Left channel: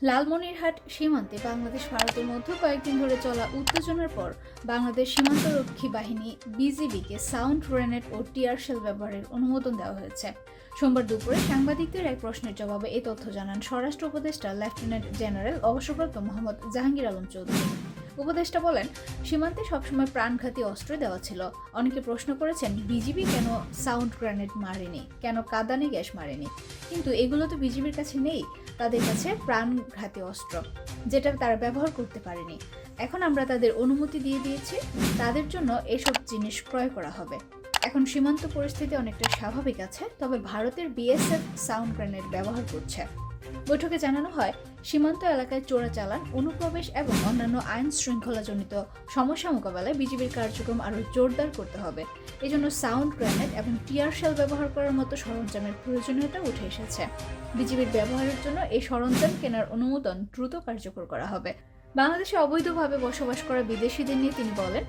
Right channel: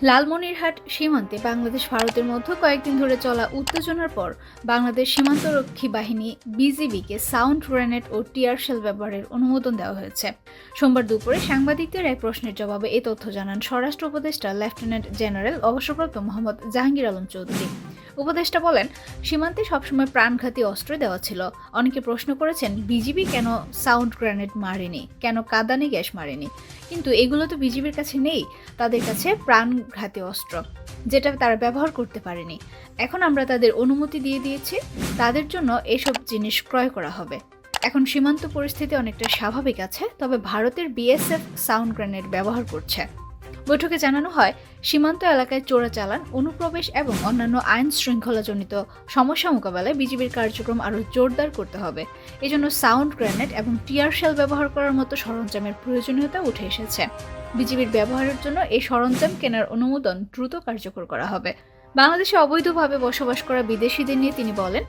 লালমনিরহাট সীমান্তে বাংলাদেশ ভারতের মধ্যে কয়েকদিন ধরে চলা উত্তেজনার পর বাংলাদেশ সীমান্তরক্ষী বাহিনী বিজিবিকে সাউন্ড গ্রেনেড ও টিয়ার শেল ব্যবহারের অনুমোদন দেওয়া হয়েছে। সোমবার দুপুরে সাংবাদিকদের এক প্রশ্নের জবাবে এ তথ্য জানান স্বরাষ্ট্র উপদেষ্টা লেফটেন্যান্ট জেনারেল অবসরপ্রাপ্ত মোহাম্মদ জাহাঙ্গীর আলম চৌধুরী। উপদেষ্টা বলেন, সীমান্তে সবসময় প্রাণঘাতী অস্ত্র দেওয়া ছিল। অনেকে প্রশ্ন করেছেন বিজিবি কেন সাউন্ড গ্রেনেড মারেনি, কেন কাঁদানে গ্যাস মারেনি, কিন্তু এগুলো তো বিজিবির কাছে নেই। তাদের কাছে প্রাণঘাতী অস্ত্র, যেটা তারা ব্যবহার করতে পারেনি। এখন আমরা তাদের অনুমতি দিয়ে দিয়েছি, তাদের জন্য এসব জিনিস ক্রয় করা হবে। এখন সীমান্ত পরিস্থিতি অনেকটা স্বাভাবিক আছে, তবে ভারতের বিএসএফ সাউন্ড গ্রেনেড ব্যবহার করছে। বৈঠকে জানানো হয়, সীমান্ত এলাকায় চোরাচালান, অনুপ্রবেশ এবং অন্যান্য আইন শৃঙ্খলাজনিত সমস্যা মোকাবেলায় বিজিবির কার্যক্রম আরও জোরদার করতে হবে। এজন্য সাউন্ড গ্রেনেড এবং টিয়ার শেল ব্যবহার করার মতো সরঞ্জামের প্রয়োজনীয়তা উঠে এসেছে। বিজিবির ব্যবহারের জন্য এই সরঞ্জাম কেনার অনুমোদন দ্রুত কার্যকর করা হবে। বাংলাদেশে অবৈধভাবে বসবাস করা বিদেশিদের নিয়ে তিনি বলেন,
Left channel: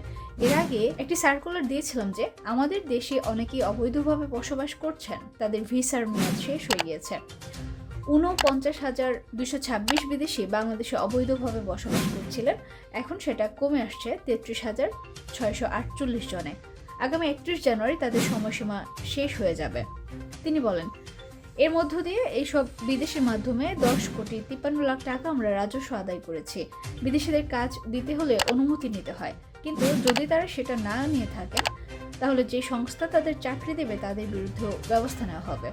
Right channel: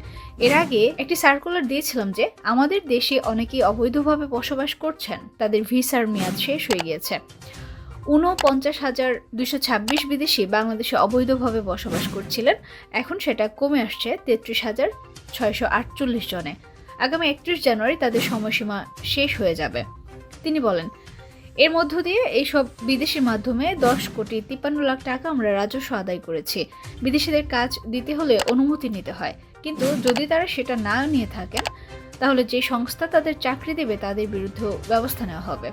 এর আগে একটি সার্কুলার দিয়েছিলাম যে আমাদের দেশে অনেকেই অবৈধভাবে বসবাস করছেন, তাদের ভিসার মেয়াদ শেষ হয়ে গিয়েছে। ৪৯,২২৬ বিদেশি বাংলাদেশে অবৈধভাবে বসবাস করছিলেন, এখন সেটা কমে আসছে ৩৩,৬৪৮ জনে। আগামী ৩১ জানুয়ারি তাদের সময়সীমা শেষ হয়ে যাবে। তিনি বলেন, এর মধ্য দিয়ে এইসব বিদেশির মাধ্যমে ১০,৫৩,০০,০০০ টাকা আমরা রাজস্ব আদায় করেছি। বিদেশিদের কাজ দিতে হলে অনুমতি নিতে হয়, কিন্তু যদি তারা সেটা না নিয়ে থাকেন, তাহলে যে সংস্থা তাদের চাকরি দেবে তাদের বিরুদ্ধে ব্যবস্থা নেওয়া হবে।